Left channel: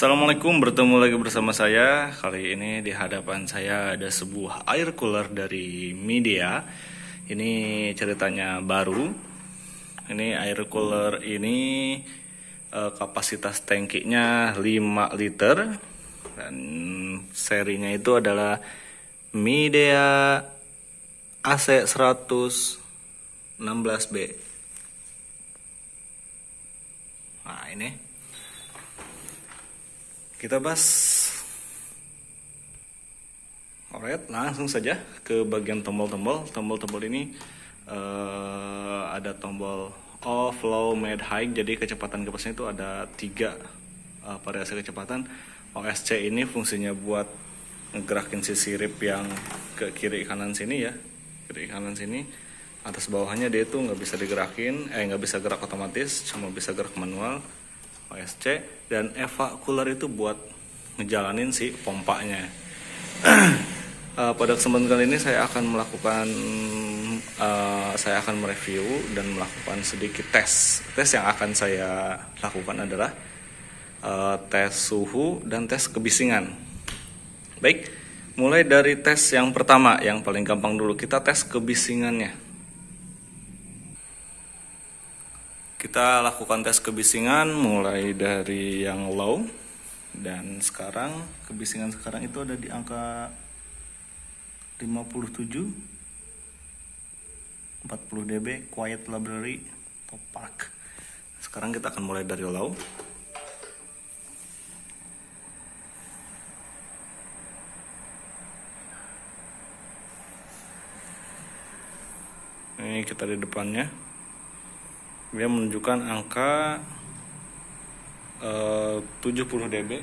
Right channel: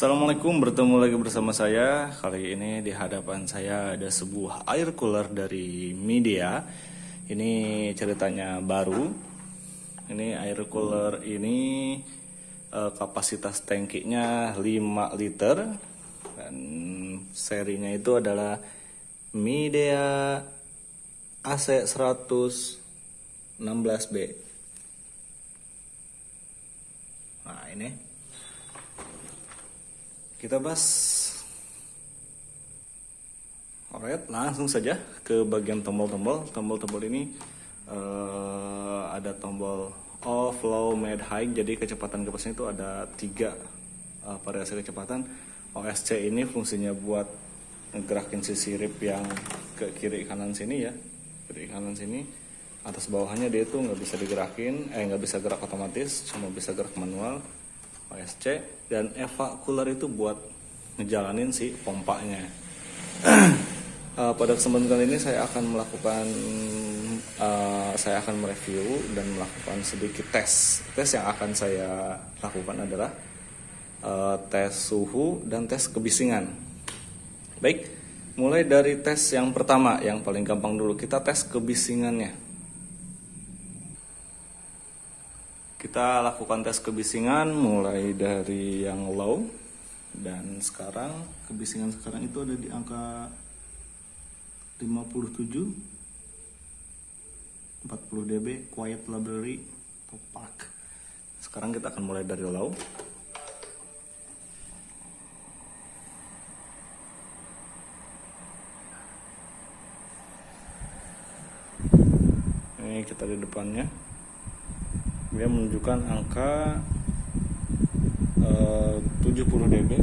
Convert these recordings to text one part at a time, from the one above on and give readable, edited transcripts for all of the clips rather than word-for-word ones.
Assalamualaikum, bertemu lagi bersama saya. Kali ini di hadapan saya ada sebuah air cooler dari Midea. Ini ceritanya baru. Ini air cooler ini kapasitas tangkinya 5 liter. Dan serinya itu adalah Midea AC 116B. Nah, ini kita bahas. Alright, langsung saja ke bagian tombol-tombol. Tombol-tombol ini ada tombol off, low, mid, high. Jadi kecepatan kipasnya itu ada 3 variasi kecepatan. OSC ini fungsinya buat ngegerakin si sirip yang ke kiri kanan sini ya, kiri kanan sini. Atas bawahnya dia itu nggak bisa digerakin, nggak bisa gerak otomatis, cuma bisa gerak manual. OSC. Dan EVA cooler itu buat ngejalanin si pompanya. Pada kesempatan kali ini saya akan mereview dan melakukan sedikit tes. Tes yang akan saya lakukan adalah tes suhu dan tes kebisingan. Baik, mulai dari tes yang pertama, yang paling gampang dulu, kita tes kebisingannya. Kita lakukan tes kebisingan mulai dari yang low, dan sekarang kebisingan sekarang itu ada di angka 57 40 dB quiet library top park. Sekarang kita akan mulai dari low. Ini kita di depannya. Dia menunjukkan angka 70 dB.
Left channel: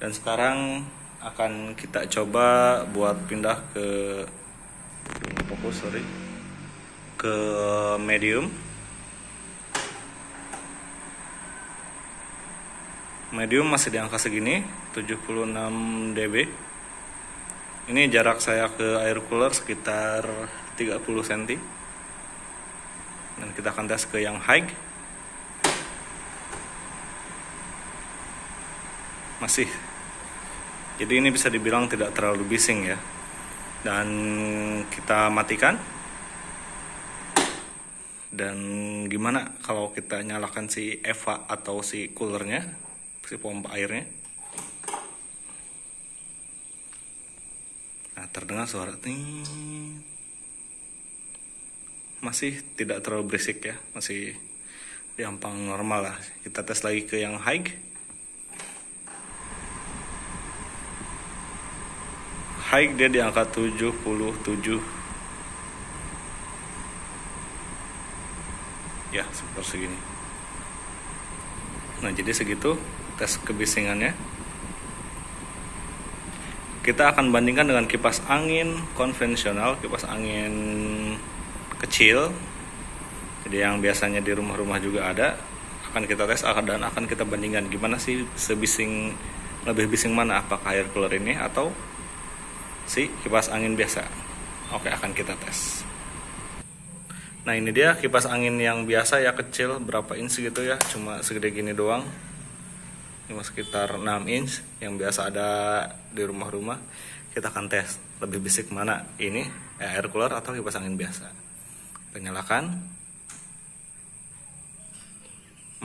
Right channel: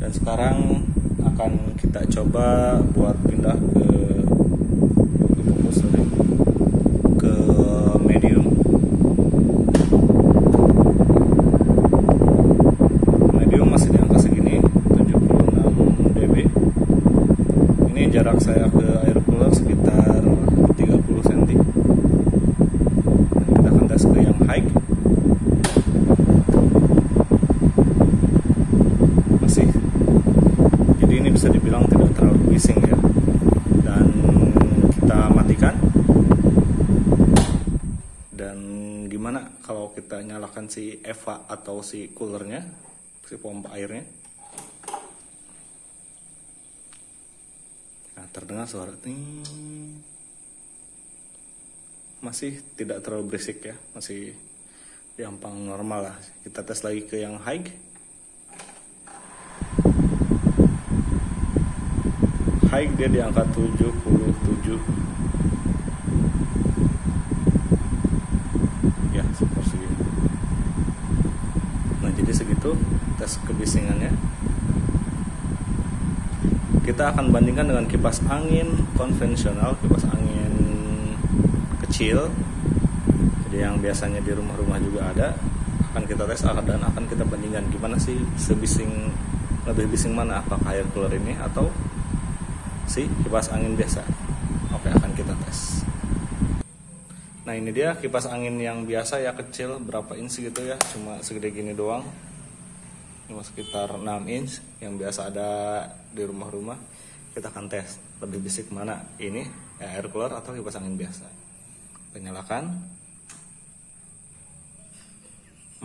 Dan sekarang akan kita coba buat pindah ke medium. Medium masih di angka segini, 76 dB. Ini jarak saya ke air cooler sekitar 30 cm. Kita akan tes ke yang high. Masih, jadi ini bisa dibilang tidak terlalu bising ya. Dan kita matikan. Dan gimana kalau kita nyalakan si EVA atau si coolernya, si pompa airnya. Nah, terdengar suara ting. Masih tidak terlalu berisik ya, masih di ampang normal lah. Kita tes lagi ke yang high. High dia di angka 77 ya, seperti segini. Nah, jadi segitu tes kebisingannya. Kita akan bandingkan dengan kipas angin konvensional, kipas angin kecil, jadi yang biasanya di rumah-rumah juga ada. Akan kita tes dan akan kita bandingkan gimana sih lebih bising mana, apakah air cooler ini atau si kipas angin biasa. Oke, akan kita tes. Nah, ini dia kipas angin yang biasa ya, kecil, berapa inch gitu ya, cuma segede gini doang, cuma sekitar 6 inch yang biasa ada di rumah-rumah. Kita akan tes lebih bisik mana, ini air cooler atau kipas angin biasa. Kita nyalakan.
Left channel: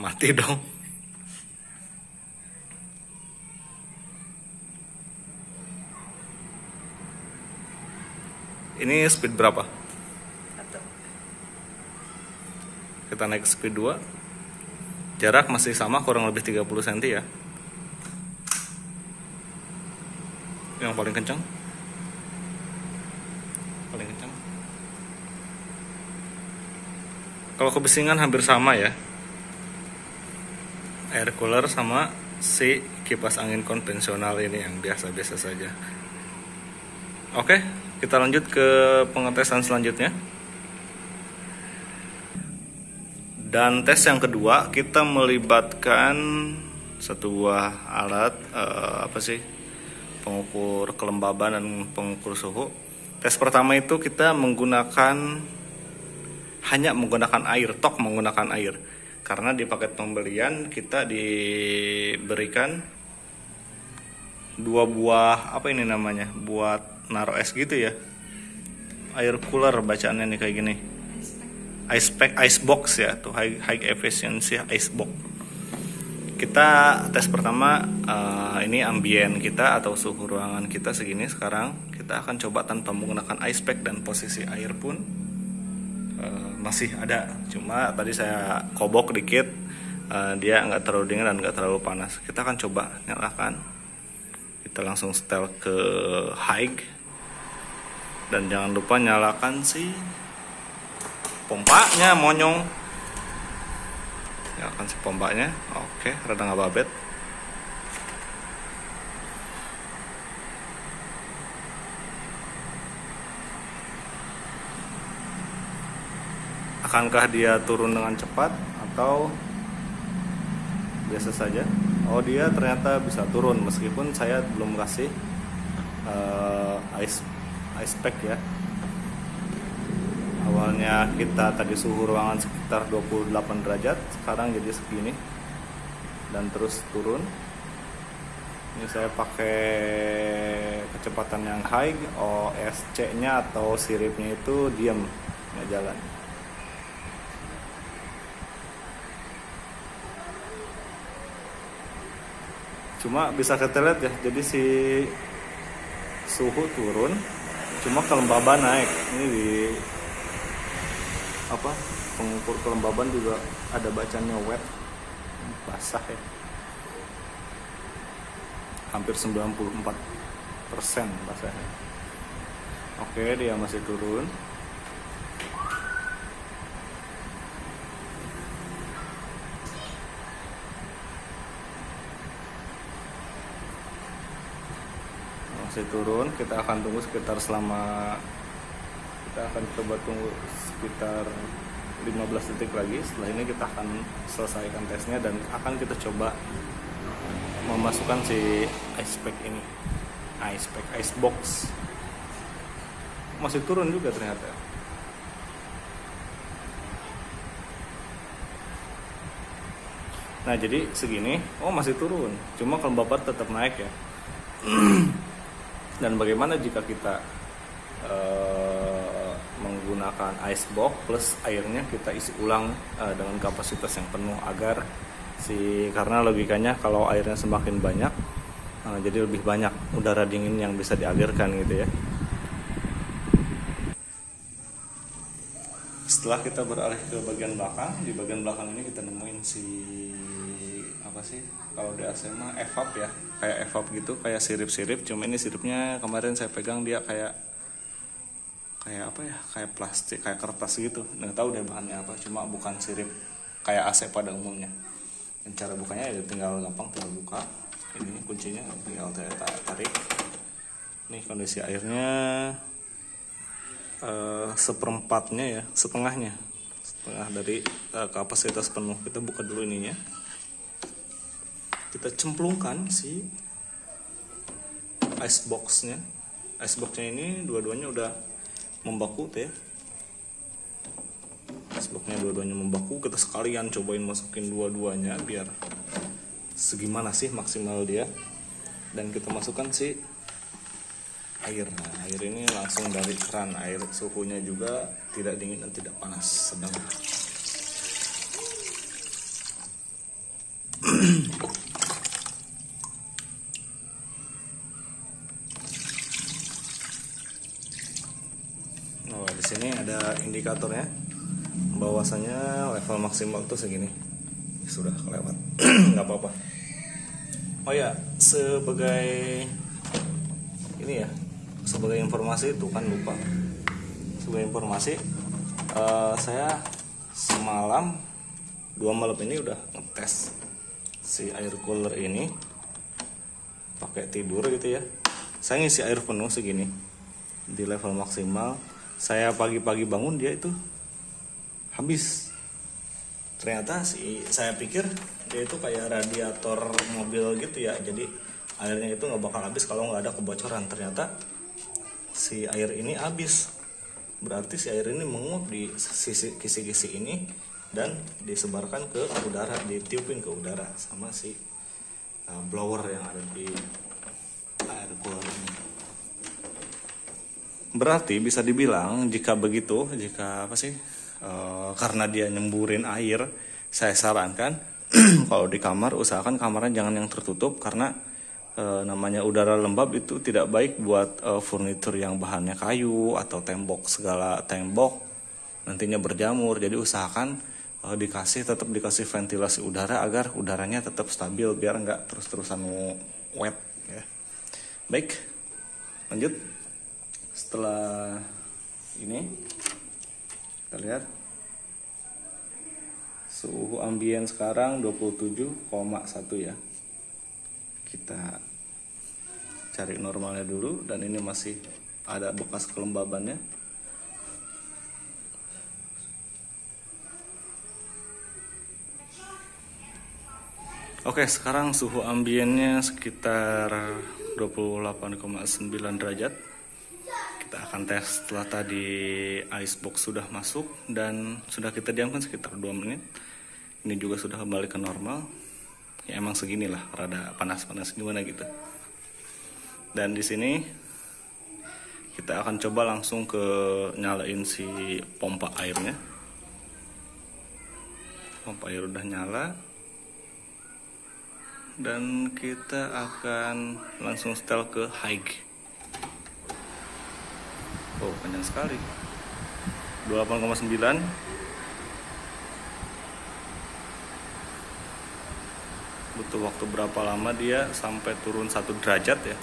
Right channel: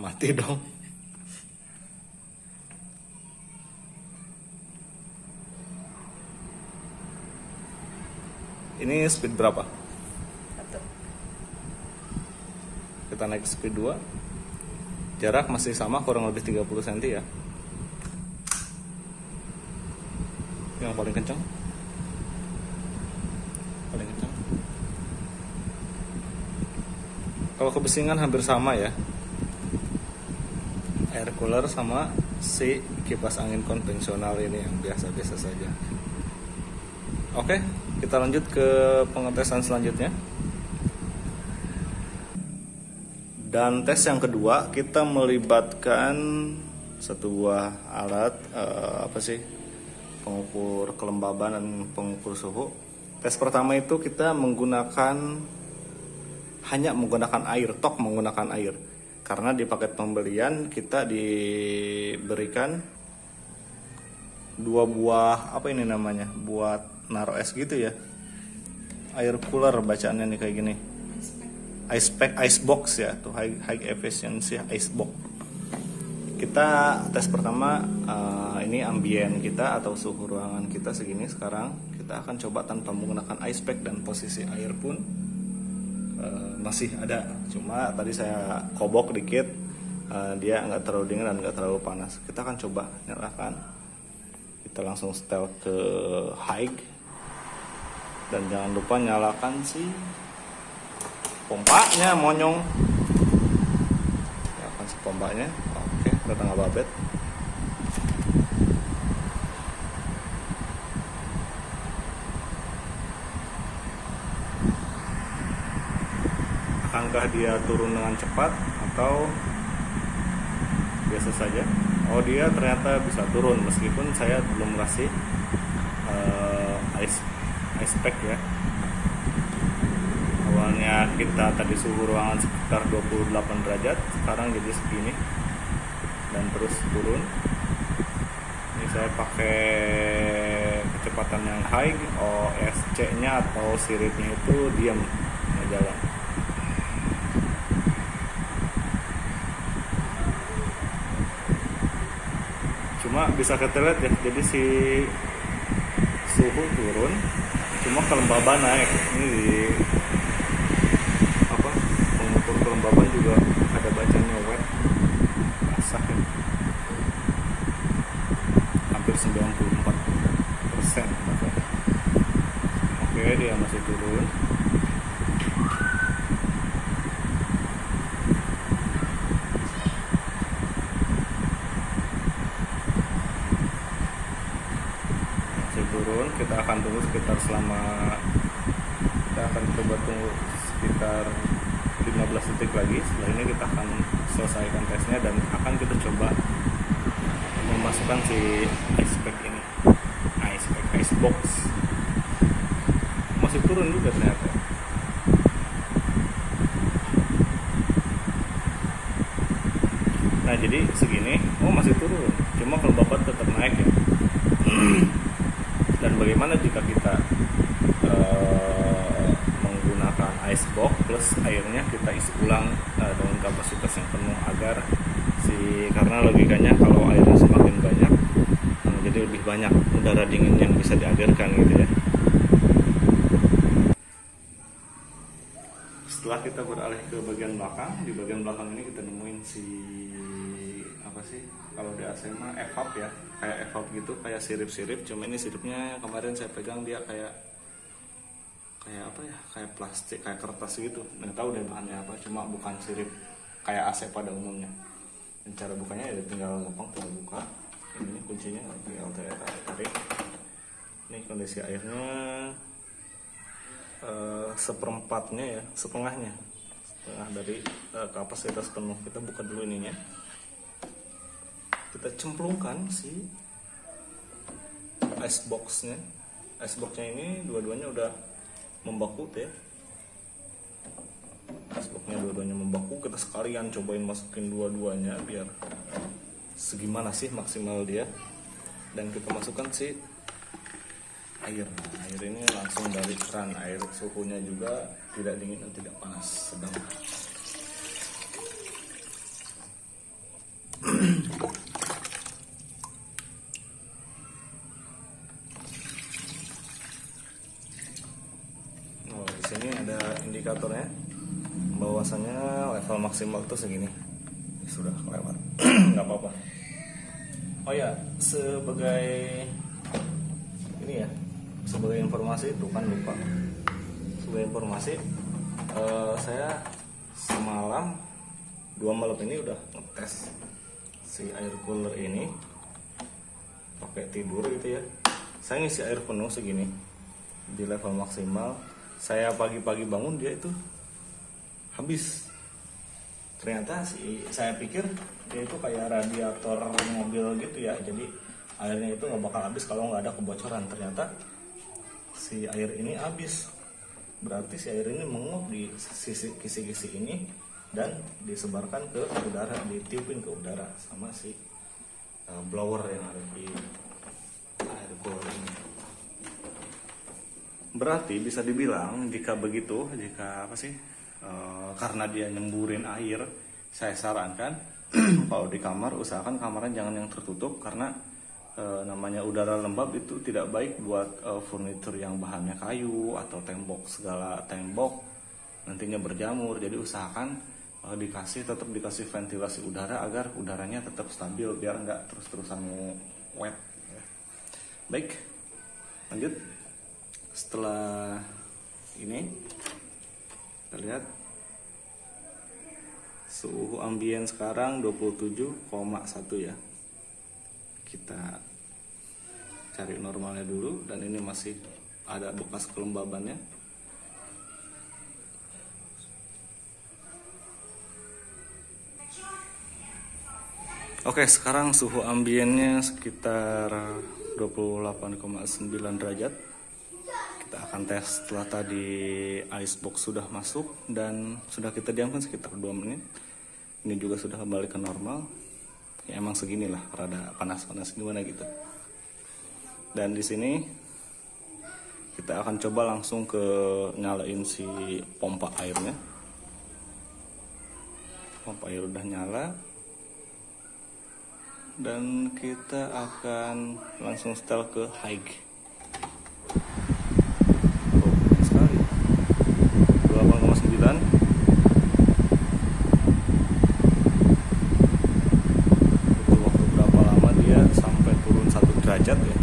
Mati dong. Ini speed berapa? 1. Kita naik speed 2. Jarak masih sama, kurang lebih 30 cm ya. Yang paling kencang. Paling kencang. Kalau kebisingan hampir sama ya, air cooler sama si kipas angin konvensional ini yang biasa-biasa saja. Oke, kita lanjut ke pengetesan selanjutnya. Dan tes yang kedua, kita melibatkan satu buah alat pengukur kelembaban dan pengukur suhu. Tes pertama itu kita hanya menggunakan air, menggunakan air. karena di paket pembelian kita diberikan 2 buah apa ini namanya, buat naruh es gitu ya, air cooler bacaannya nih kayak gini, ice box ya, tuh high efficiency ice box. Kita tes pertama ini ambien kita atau suhu ruangan kita segini sekarang. Kita akan coba tanpa menggunakan ice pack, dan posisi air pun masih ada, cuma tadi saya kobok dikit, dia nggak terlalu dingin dan nggak terlalu panas. Kita akan coba nyalakan, kita langsung setel ke high, dan jangan lupa nyalakan si pompanya monyong, nyalakan si pompanya. Oke, rada nggak babet. Akankah dia turun dengan cepat atau biasa saja? Oh, dia ternyata bisa turun meskipun saya belum kasih ice pack ya. Awalnya kita tadi suhu ruangan sekitar 28 derajat, sekarang jadi segini dan terus turun. Ini saya pakai kecepatan yang high, OSC nya atau siripnya itu diam, nggak jalan. Cuma bisa kita lihat ya, jadi si suhu turun, cuma kelembaban naik. Ini di pengukur kelembaban juga ada bacanya wet, basah ya, hampir 94% basah. Oke, dia masih turun. Turun, kita akan tunggu sekitar kita akan coba tunggu sekitar 15 detik lagi. Setelah ini kita akan selesaikan tesnya dan akan kita coba memasukkan si ice pack ini, ice box. Masih turun juga ternyata. Nah, jadi segini, masih turun, cuma kelembapan tetap naik ya. Dan bagaimana jika kita menggunakan ice box plus airnya kita isi ulang dengan kapasitas yang penuh, agar karena logikanya kalau airnya semakin banyak jadi lebih banyak udara dingin yang bisa dialirkan gitu ya. Setelah kita beralih ke bagian belakang, di bagian belakang ini kita nemuin kalau di AC mah evap ya, kayak evap gitu, kayak sirip-sirip. Cuma ini siripnya kemarin saya pegang dia kayak plastik, kayak kertas gitu. Nggak tahu deh bahannya apa, cuma bukan sirip kayak AC pada umumnya. Dan cara bukanya ya tinggal gampang, tinggal buka. Ini kuncinya tinggal tarik. Ini kondisi airnya seperempatnya ya, setengah dari kapasitas penuh. Kita buka dulu ininya. Kita cemplungkan si ice boxnya ini, dua-duanya udah membaku ya. Ice boxnya dua-duanya membaku. Kita sekalian cobain masukin dua-duanya biar segimana sih maksimal dia. Dan kita masukkan si air. Nah, air ini langsung dari keran. Air suhunya juga tidak dingin dan tidak panas, sedang. Sini ada indikatornya bahwasanya level maksimal tuh segini, sudah kelewat. Nggak apa-apa. Oh ya, sebagai informasi itu kan lupa. Sebagai informasi, saya semalam 2 malam ini udah ngetes si air cooler ini pakai tidur gitu ya. Saya ngisi air penuh segini di level maksimal. Saya pagi-pagi bangun dia itu habis. Ternyata saya pikir dia itu kayak radiator mobil gitu ya. Jadi airnya itu nggak bakal habis kalau nggak ada kebocoran. Ternyata si air ini habis. Berarti si air ini menguap di kisi-kisi ini dan disebarkan ke udara, ditiupin ke udara sama si blower yang ada di air cooler ini. Berarti bisa dibilang jika begitu, karena dia nyemburin air, saya sarankan kalau di kamar usahakan kamarnya jangan yang tertutup, karena namanya udara lembab itu tidak baik buat furnitur yang bahannya kayu atau segala tembok nantinya berjamur. Jadi usahakan tetap dikasih ventilasi udara agar udaranya tetap stabil biar nggak terus-terusan wet ya. Baik, lanjut. Setelah ini kita lihat suhu ambien sekarang 27,1 ya. Kita cari normalnya dulu, dan ini masih ada bekas kelembabannya. Oke, sekarang suhu ambiennya sekitar 28,9 derajat. Kita akan tes setelah tadi icebox sudah masuk dan sudah kita diamkan sekitar 2 menit. Ini juga sudah kembali ke normal. Ya emang seginilah, rada panas-panas gimana gitu. Dan di sini kita akan coba langsung nyalain si pompa airnya. Pompa air udah nyala. Dan kita akan langsung setel ke high. Oh, banyak sekali. 28,9. Dia sampai turun 1 derajat ya.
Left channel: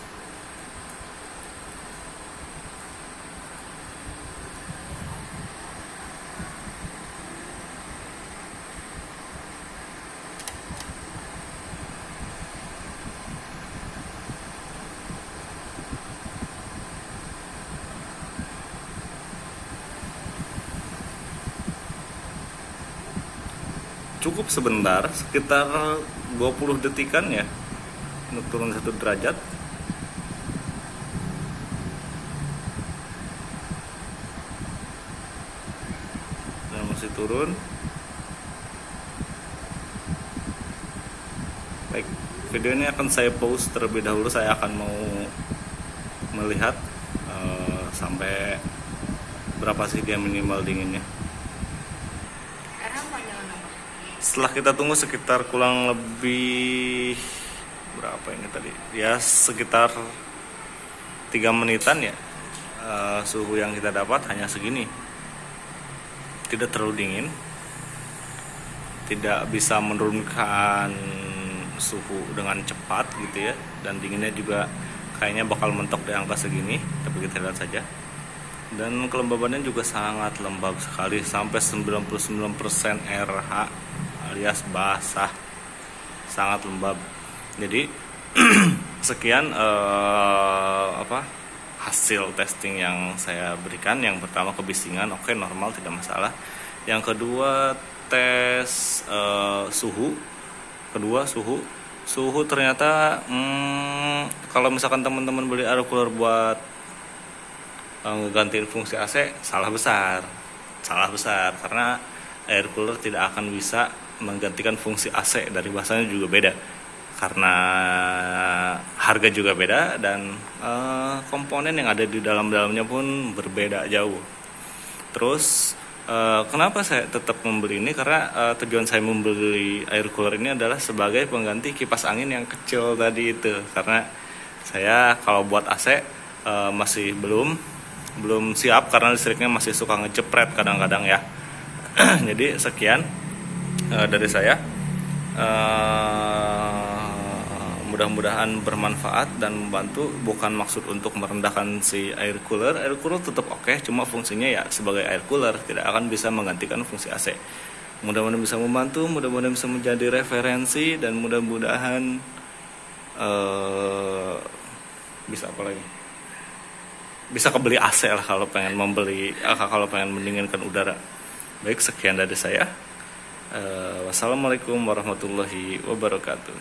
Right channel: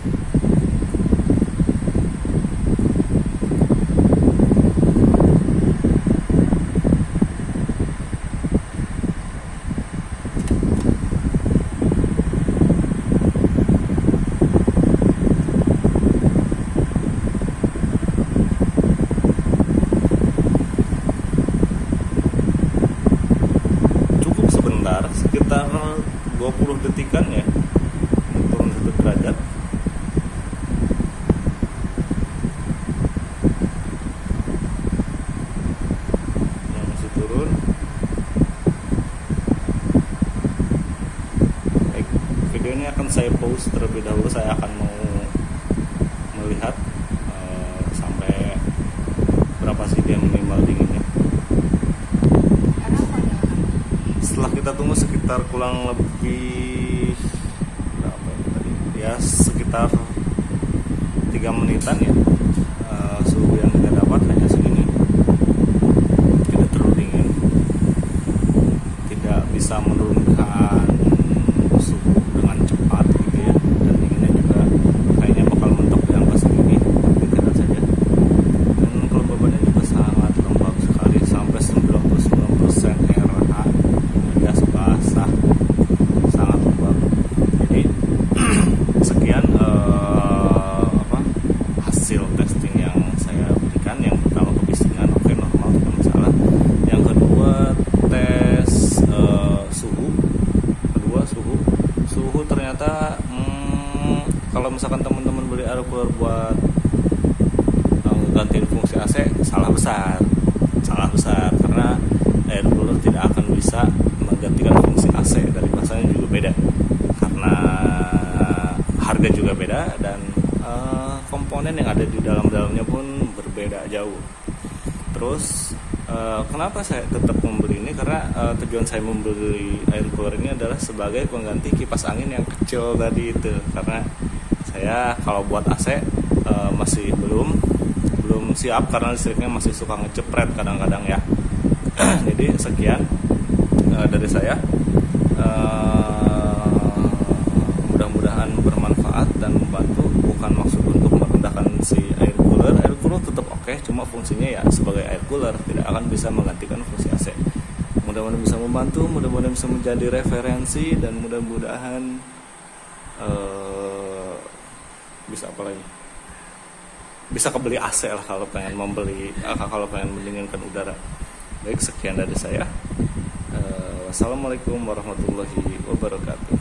Cukup sebentar, sekitar 20 detikan ya, turun 1 derajat. Nah, masih turun. Baik, video ini akan saya pause terlebih dahulu. Saya akan mau melihat sampai berapa sih dia minimal dinginnya. Setelah kita tunggu sekitar kurang lebih berapa ini tadi ya, sekitar 3 menitan ya, suhu yang kita dapat hanya segini, tidak terlalu dingin, tidak bisa menurunkan suhu dengan cepat gitu ya, dan dinginnya juga kayaknya bakal mentok di angka segini, tapi kita lihat saja. Dan kelembabannya juga sangat lembab sekali, sampai 99% RH alias basah, sangat lembab. Jadi sekian hasil testing yang saya berikan. Yang pertama kebisingan, oke, normal, tidak masalah. Yang kedua tes suhu. Kedua suhu ternyata kalau misalkan teman-teman beli air cooler buat gantiin fungsi AC, salah besar karena air cooler tidak akan bisa menggantikan fungsi AC. Dari bahasanya juga beda, karena harga juga beda, dan komponen yang ada di dalamnya pun berbeda jauh. Terus kenapa saya tetap membeli ini? Karena tujuan saya membeli air cooler ini adalah sebagai pengganti kipas angin yang kecil tadi itu. Karena saya kalau buat AC masih belum siap, karena listriknya masih suka ngecepret kadang-kadang ya. Jadi sekian dari saya. Mudah-mudahan bermanfaat dan membantu. Bukan maksud untuk merendahkan si air cooler. Air cooler tetap oke, cuma fungsinya ya sebagai air cooler, tidak akan bisa menggantikan fungsi AC. Mudah-mudahan bisa membantu, mudah-mudahan bisa menjadi referensi, dan mudah-mudahan bisa apa lagi? Bisa kebeli AC lah kalau pengen mendinginkan udara. Baik, sekian dari saya. Wassalamualaikum warahmatullahi wabarakatuh.